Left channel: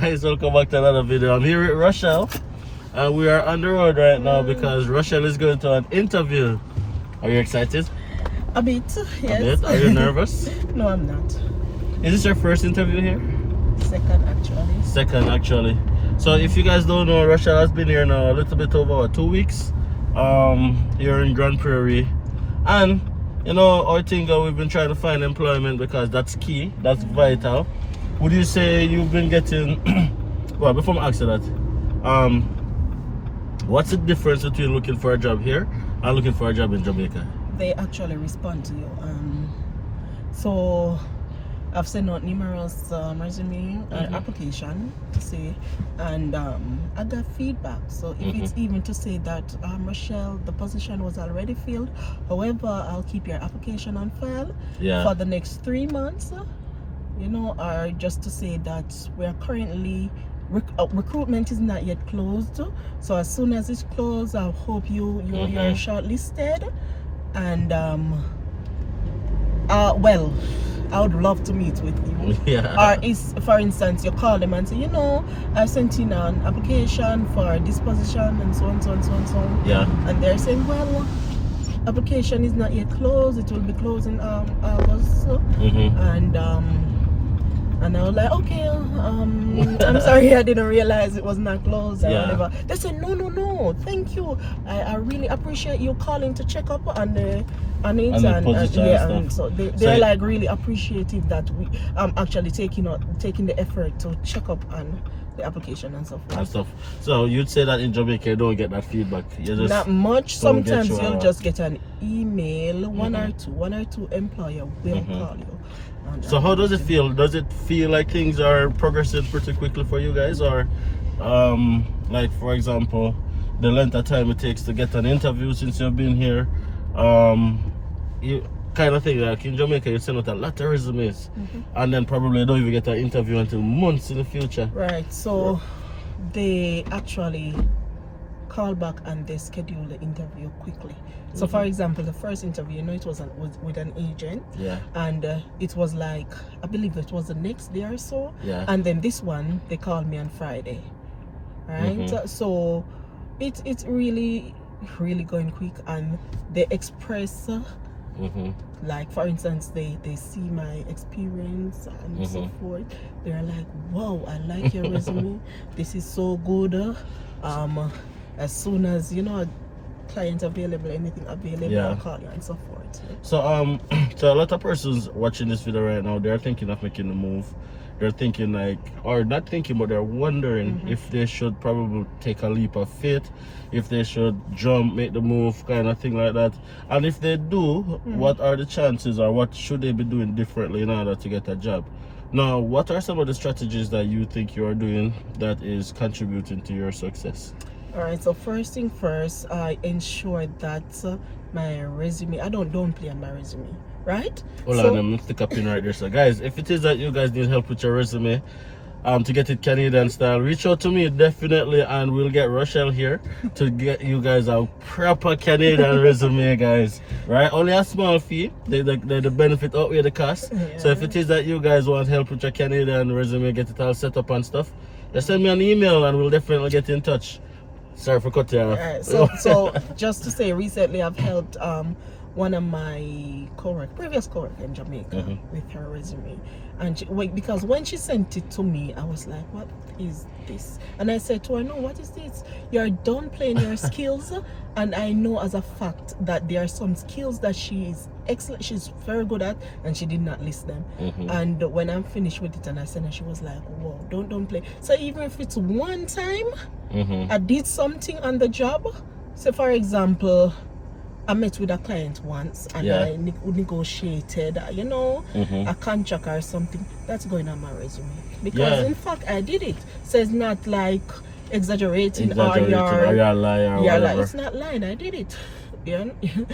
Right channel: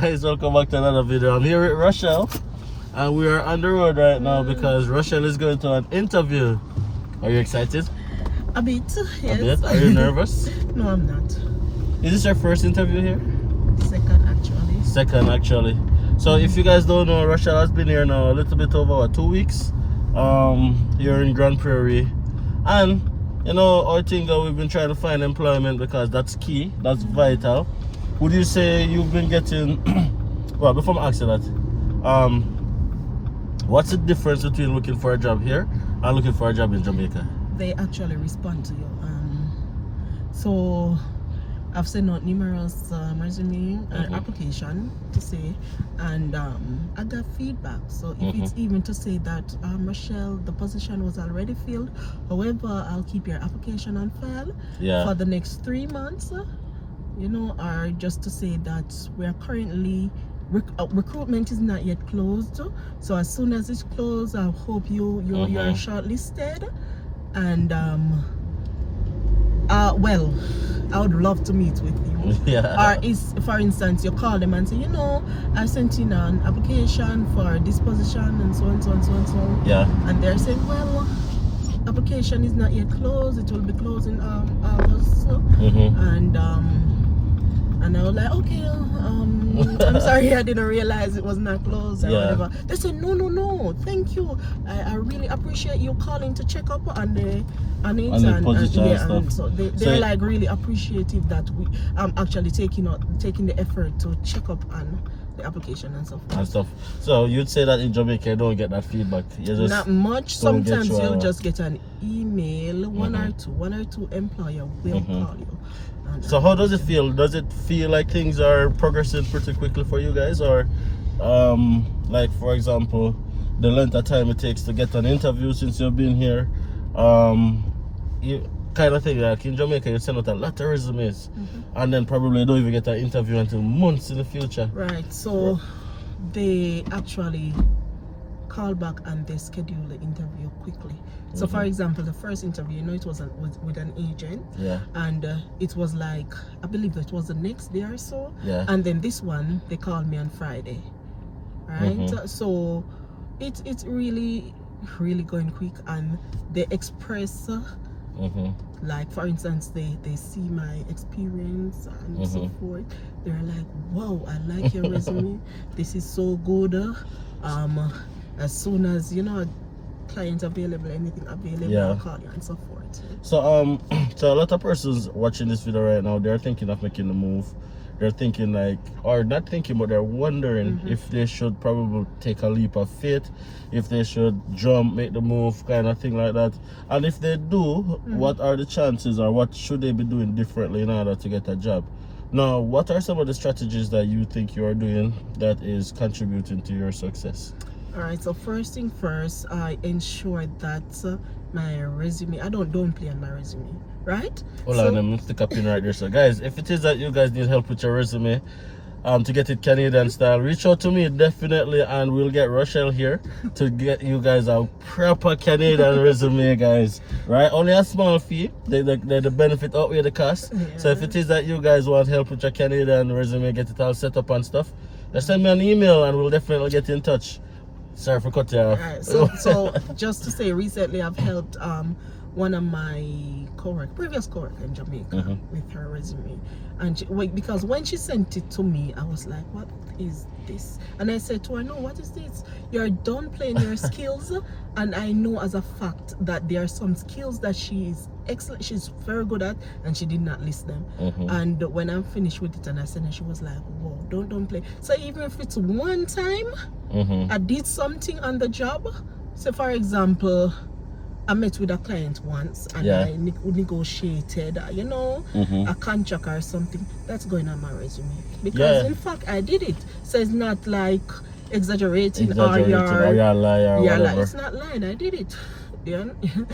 guys, welcome back to another video. I'm here with Rochelle and we are on the road right now because Rochelle is going to an interview. Are you excited? A bit, yes. A bit? Are you nervous? No, I'm not. Is this your first interview here? Second, actually. So if you guys don't know, Rochelle has been here now a little bit over 2 weeks here in Grand Prairie. And you know, I think we've been trying to find employment because that's key, that's vital. Would you say you've been getting well, before I ask you that, what's the difference between looking for a job here and looking for a job in Jamaica? They actually respond to you. So I've sent out numerous resume application to say, and I got feedback. So if it's even to say that Rochelle, the position was already filled, however, I'll keep your application on file for the next 3 months. You know, or just to say that we're currently recruitment is not yet closed. So as soon as it's closed, I hope you're shortlisted. And well, I would love to meet with you. Or is, for instance, you call them and say, you know, I sent in an application for this position and so on, so on, so on, so on. And they're saying, well, application is not yet closed. It will be closed in August. And I was like, okay, I'm sorry, I didn't realize it was not closed or whatever. They said, no, thank you. I really appreciate you calling to check up on it. And so they're like really appreciative that I'm actually taking the effort to check up on the application and stuff. So you'd say that in Jamaica you don't get that feedback? You just not much. Sometimes you'll just get an email, one or two employer will call you. So how does it feel? Does it feel like things are progressing pretty quickly for you guys, or like for example the length of time it takes to get an interview since you've been here? You kind of thing, like in Jamaica you send out a lot of resumes and then probably don't even get an interview until months in the future. Right, so they actually call back and they schedule the interview quickly. So for example, the first interview, you know, it was with an agent, and it was like, I believe it was the next day or so, and then this one they called me on Friday, right? So it's really going quick, and they express like, for instance, they see my experience and so forth. They're like, wow, I like your resume, this is so good. As soon as, you know, client available, anything available, I'll call you and so forth. So so a lot of persons watching this video right now, they're thinking of making the move. They're thinking like, or not thinking, but they're wondering if they should probably take a leap of faith, if they should jump, make the move, kind of thing like that. And if they do, what are the chances, or what should they be doing differently in order to get a job? Now, what are some of the strategies that you think you are doing that is contributing to your success? All right, so first thing first, I ensure that my resume, I don't play on my resume, right? Hold on, let me stick up in right there. So guys, if it is that you guys need help with your resume, to get it Canadian style, reach out to me definitely, and we'll get Rochelle here to get you guys a proper Canadian resume, guys. Right? Only a small fee. The benefit outweigh the cost. So if it is that you guys want help with your Canadian resume, get it all set up and stuff, just send me an email and we'll definitely get in touch. Sorry for cutting you off. Right, so just to say, recently I've helped one of my previous coworker in Jamaica with her resume, and because when she sent it to me, I was like, what is this? And I said to her, no, what is this? You're downplaying your skills, and I know as a fact that there are some skills that she is excellent, she's very good at, and she did not list them. And when I'm finished with it and I sent her, she was like, whoa, don't play. So even if it's one time I did something on the job, so for example, I met with a client once and I negotiated, you know, a contract or something, that's going on my resume, because in fact I did it. So it's not like exaggerating or you're a liar or whatever. It's not lying, I did it.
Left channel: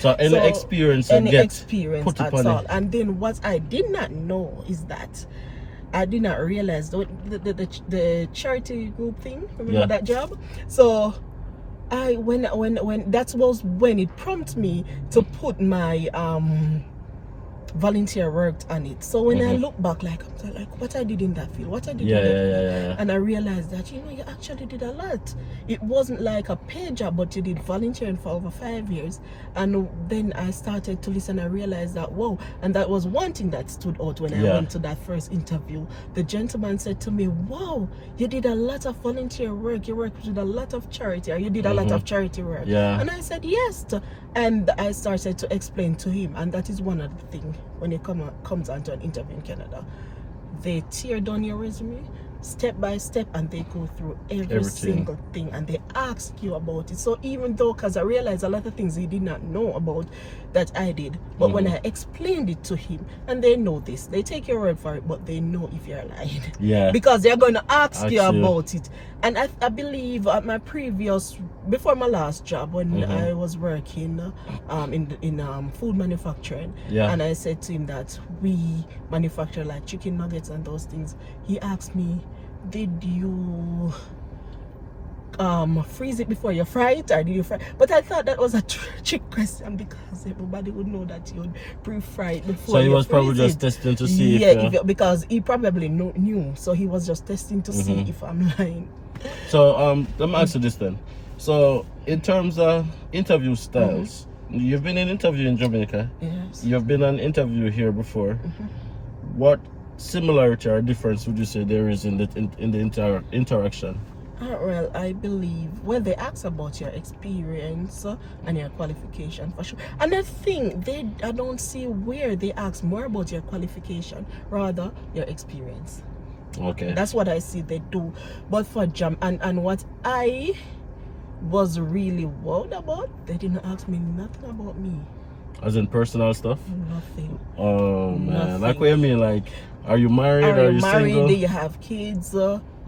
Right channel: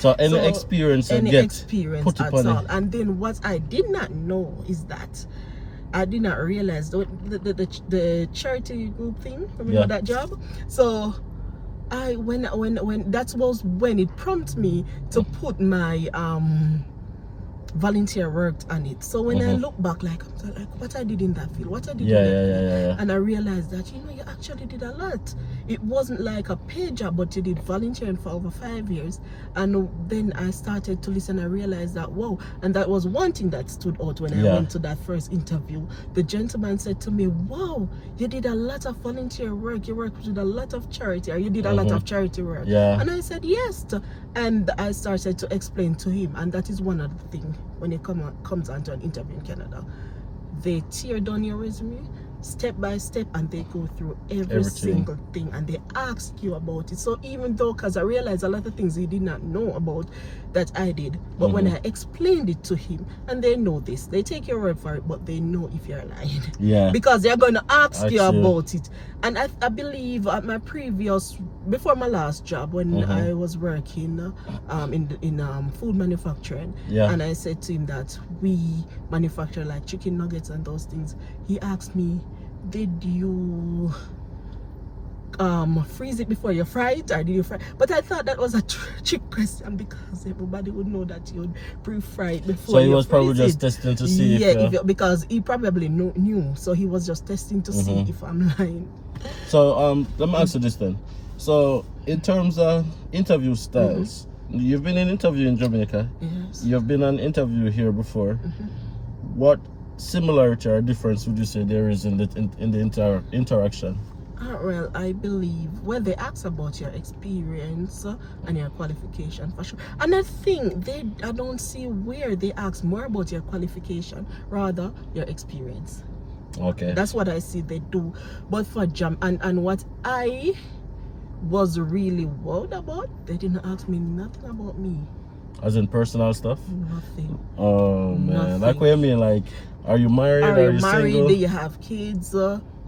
So any experience you get, put it on it. And then what I did not know is that I did not realize the charity group thing, remember that job? So when that was when it prompted me to put my volunteer worked on it. So when I Mhm. look back, like I'm like, what I did in that field, what I did Yeah, in that yeah, field, yeah, yeah, yeah. and I realized that you actually did a lot. It wasn't like a paid job, but you did volunteering for over 5 years. And then I started to listen. I realized that wow, and that was one thing that stood out when I Yeah. went to that first interview. The gentleman said to me, "Wow, you did a lot of volunteer work. You worked with a lot of charity, or you did a lot of charity work." Yeah. And I said yes, and I started to explain to him, and that is one of the things when it comes onto an interview in Canada. They tear down your resume step by step, and they go through every single thing, and they ask you about it. So even though, because I realized a lot of things he did not know about that I did, but when I explained it to him, and they know this, they take your word for it, but they know if you're lying. Yeah. Because they're going to ask you about it. And I believe at my previous, before my last job, when I was working in food manufacturing, and I said to him that we manufacture like chicken nuggets and those things, he asked me, did you freeze it before you fry it, or do you fry? But I thought that was a trick question, because everybody would know that you'd pre-fry it before. So he was probably just testing to see because he probably knew, so he was just testing to see if I'm lying. So let me ask you this then. So in terms of interview styles, you've been in interview in Jamaica. Yes. You've been an interview here before. What similarity or difference would you say there is in the interaction? Well, I believe, well, they ask about your experience and your qualification for sure. And I think I don't see where they ask more about your qualification, rather your experience. Okay. That's what I see they do. But for and what I was really worried about, they didn't ask me nothing about me. As in personal stuff? Nothing. Oh man, Nothing. like what you mean? Like, are you married? Are you single? Do you have kids?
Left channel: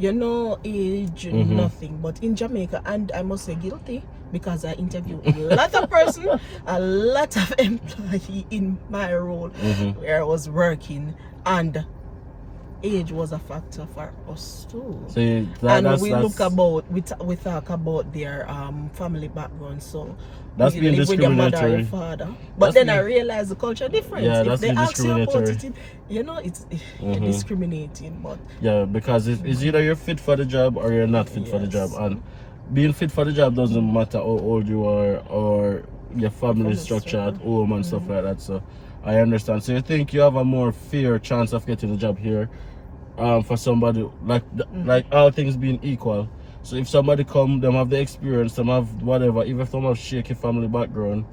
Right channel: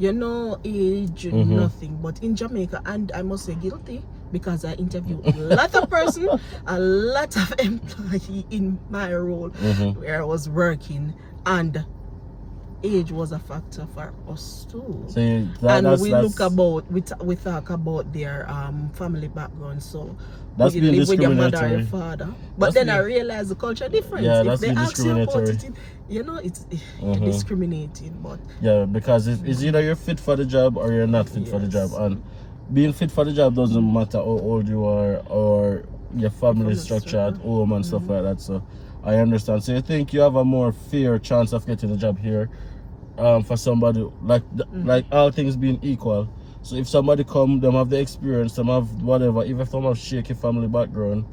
Age, nothing. But in Jamaica, and I must say guilty, because I interviewed a lot of person, a lot of employee in my role where I was working, and age was a factor for us too. So we talk about their family background. So that's you being live with your mother or your discriminatory. father. But then I realized the culture difference. Yeah, if that's they being ask you about discriminatory. it, it's discriminating. But yeah, because it's either you're fit for the job or you're not fit for the job, and being fit for the job doesn't matter how old you are or your family structure at home and stuff like that. So I understand. So you think you have a more fair chance of getting a job here, for somebody like all things being equal. So if somebody come, them have the experience, them have whatever, even if they have shaky family background,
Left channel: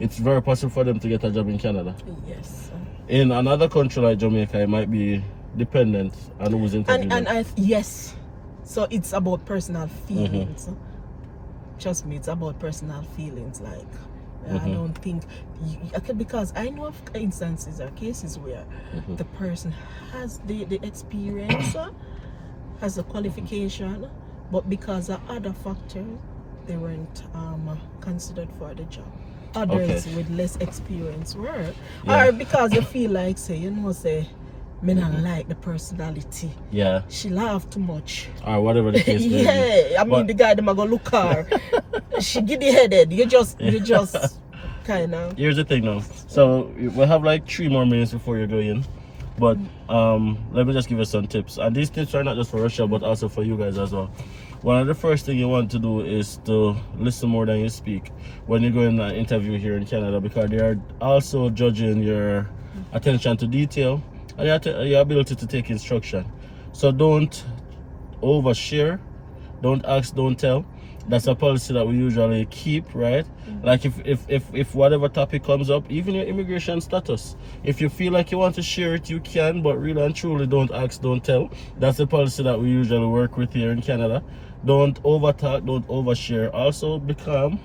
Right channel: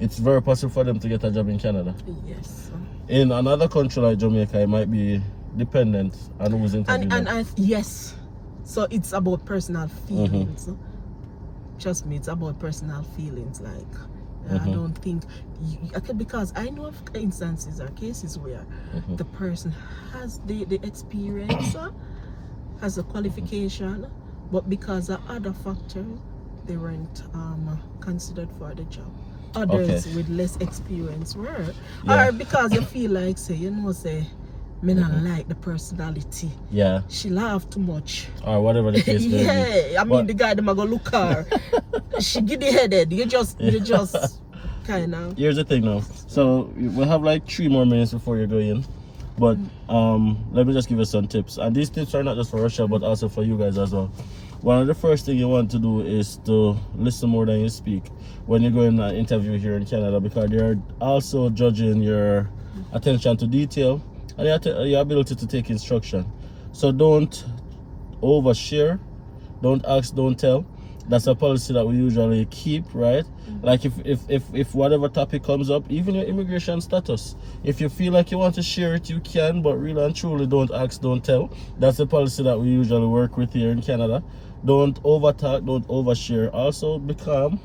it's very possible for them to get a job in Canada. Yes. In another country like Jamaica, it might be dependent on who's interviewing. Yes. So it's about personal feelings. Trust me, it's about personal feelings. Like, I don't think because I know of instances or cases where the person has the experience, has the qualification, but because of other factors, they weren't considered for the job. Others with less experience were, or because you feel like me not like the personality. Yeah. She laugh too much. Or whatever the case may be. I mean the guy them go look her. She giddy headed. You just kind of. Here's the thing now. So we'll have like 3 more minutes before you go in. But let me just give you some tips. And these tips are not just for Russia, but also for you guys as well. One of the first things you want to do is to listen more than you speak when you go in an interview here in Canada, because they are also judging your attention to detail and your ability to take instruction. So don't overshare, don't ask, don't tell. That's a policy that we usually keep, right? Like if whatever topic comes up, even your immigration status, if you feel like you want to share it, you can, but really and truly don't ask, don't tell. That's the policy that we usually work with here in Canada. Don't overtalk, don't overshare. Also be calm,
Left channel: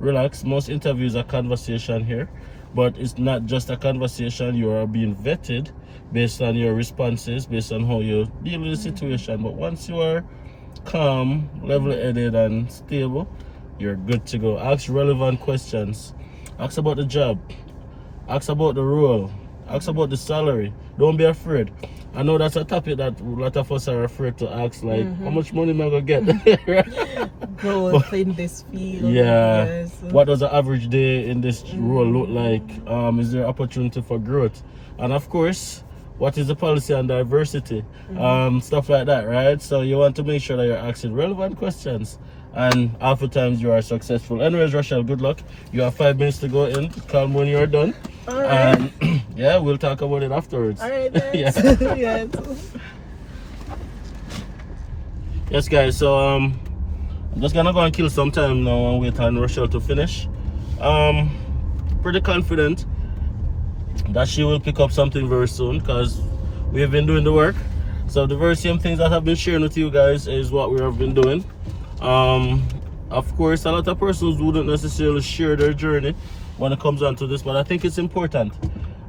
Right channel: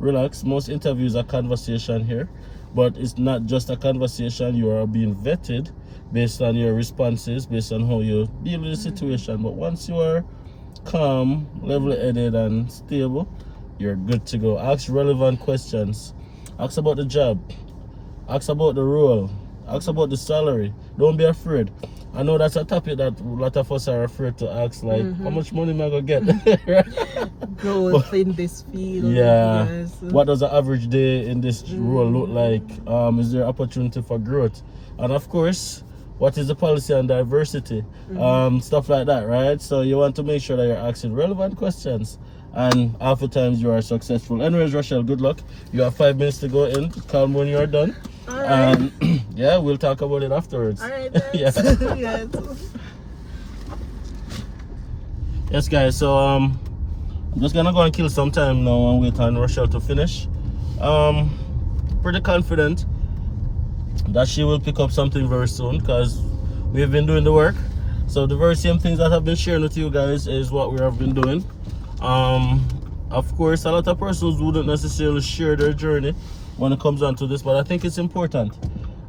relax. Most interviews are conversation here, but it's not just a conversation. You are being vetted based on your responses, based on how you deal with the situation. But once you are calm, level-headed and stable, you're good to go. Ask relevant questions. Ask about the job. Ask about the role. Ask about the salary. Don't be afraid. I know that's a topic that a lot of us are afraid to ask, like, how much money am I going to get? Growth in this field. Yeah. Yes. What does an average day in this role look like? Is there opportunity for growth? And of course, what is the policy on diversity? Stuff like that, right? So you want to make sure that you're asking relevant questions. And oftentimes you are successful. Anyways, Rochelle, good luck. You have 5 minutes to go in. Call me when you're done. All right. And yeah, we'll talk about it afterwards. All right. Yeah. Yes. Yes, guys. So I'm just gonna go and kill some time now and wait on Rochelle to finish. Pretty confident that she will pick up something very soon because we've been doing the work. So the very same things that I've been sharing with you guys is what we have been doing. Of course, a lot of persons wouldn't necessarily share their journey when it comes down to this, but I think it's important.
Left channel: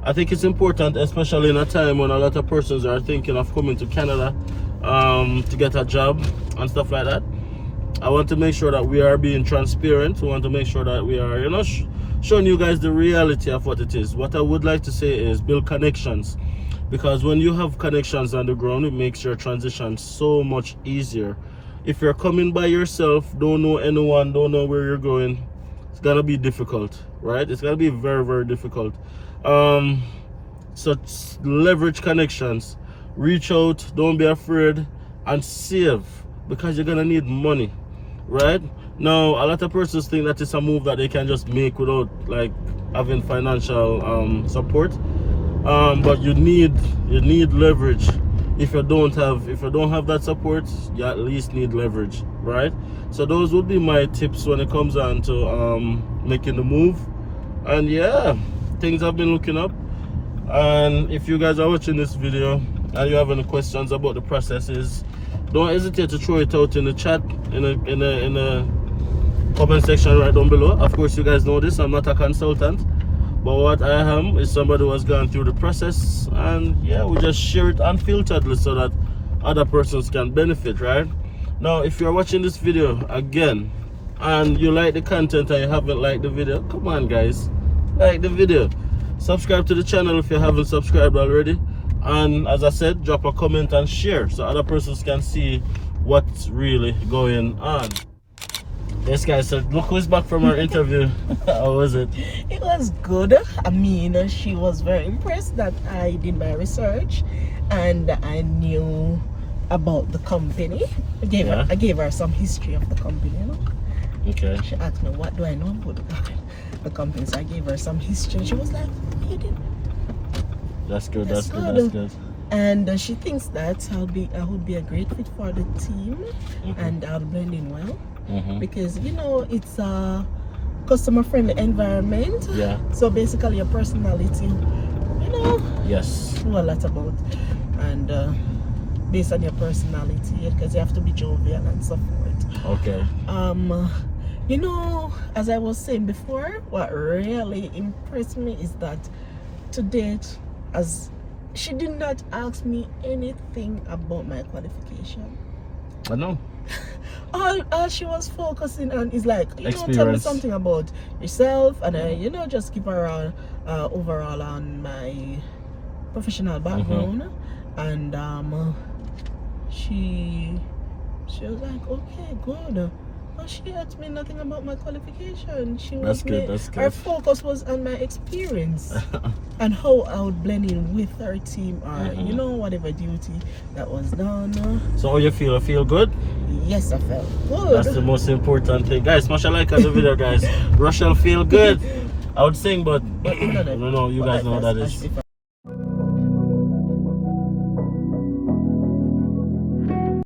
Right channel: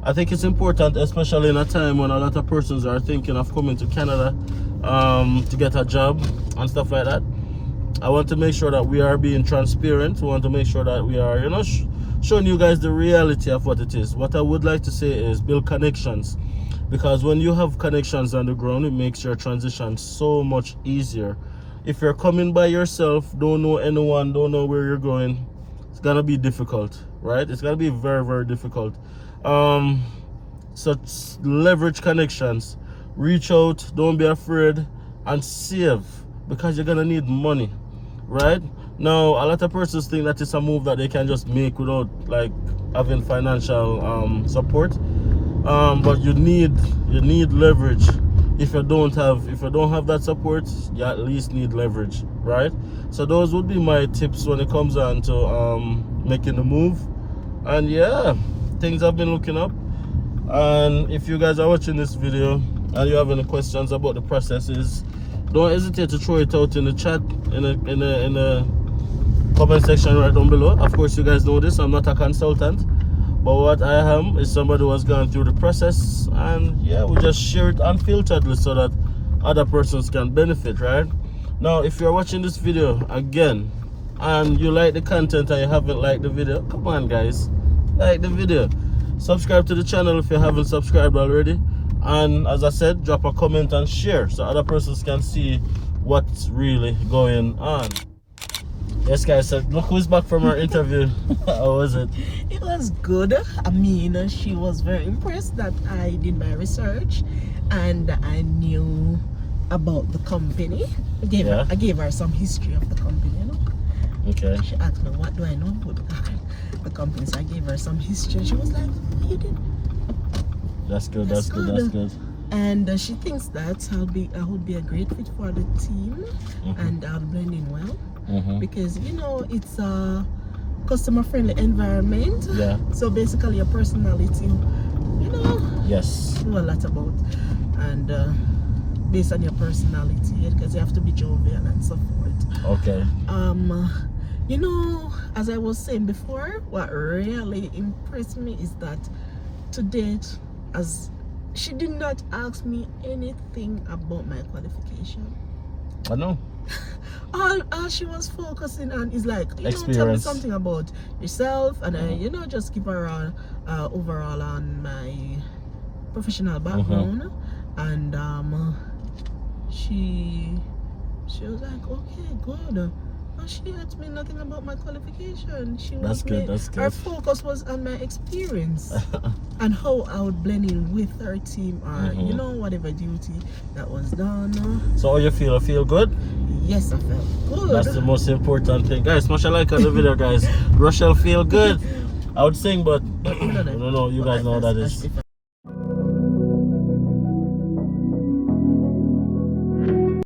I think it's important, especially in a time when a lot of persons are thinking of coming to Canada to get a job and stuff like that. I want to make sure that we are being transparent. We want to make sure that we are, showing you guys the reality of what it is. What I would like to say is build connections, because when you have connections on the ground, it makes your transition so much easier. If you're coming by yourself, don't know anyone, don't know where you're going, it's gonna be difficult, right? It's gonna be very, very difficult. So leverage connections, reach out, don't be afraid, and save, because you're gonna need money, right? Now, a lot of persons think that it's a move that they can just make without like having financial support, but you need leverage. If you don't have that support, you at least need leverage, right? So those would be my tips when it comes on to making the move. And yeah, things have been looking up. And if you guys are watching this video and you have any questions about the processes, don't hesitate to throw it out in the chat, in a comment section right down below. Of course, you guys know this, I'm not a consultant, but what I am is somebody who has gone through the process, and yeah, we just share it unfilteredly so that other persons can benefit, right? Now, if you're watching this video again and you like the content and you haven't liked the video, come on guys, like the video, subscribe to the channel if you haven't subscribed already, and as I said, drop a comment and share so other persons can see what's really going on. Yes guys, so look who's back from our interview. How was it? It was good. I mean, she was very impressed that I did my research and I knew about the company. I gave her some history of the company. Okay. She asked me, what do I know about the company? So I gave her some history. She was like, you did. That's good, that's good. And she thinks that I would be a great fit for the team, and I'll blend in well. Because it's a customer friendly environment. Yeah. So basically your personality, yes, know a lot about, and based on your personality, because you have to be jovial and so forth. Okay. As I was saying before, what really impressed me is that to date, as she did not ask me anything about my qualification. I know. All she was focusing on is like, tell me something about yourself, and I, just give her overall on my professional background, and she was like, okay, good. But she asked me nothing about my qualification. That's good. Her focus was on my experience and how I would blend in with her team, or whatever duty that was done. So how you feel? I feel good? Yes, I felt good. That's the most important thing. Guys, smash a like on the video, guys. Rochelle feel good. I would sing, but I don't know. You guys know what that is.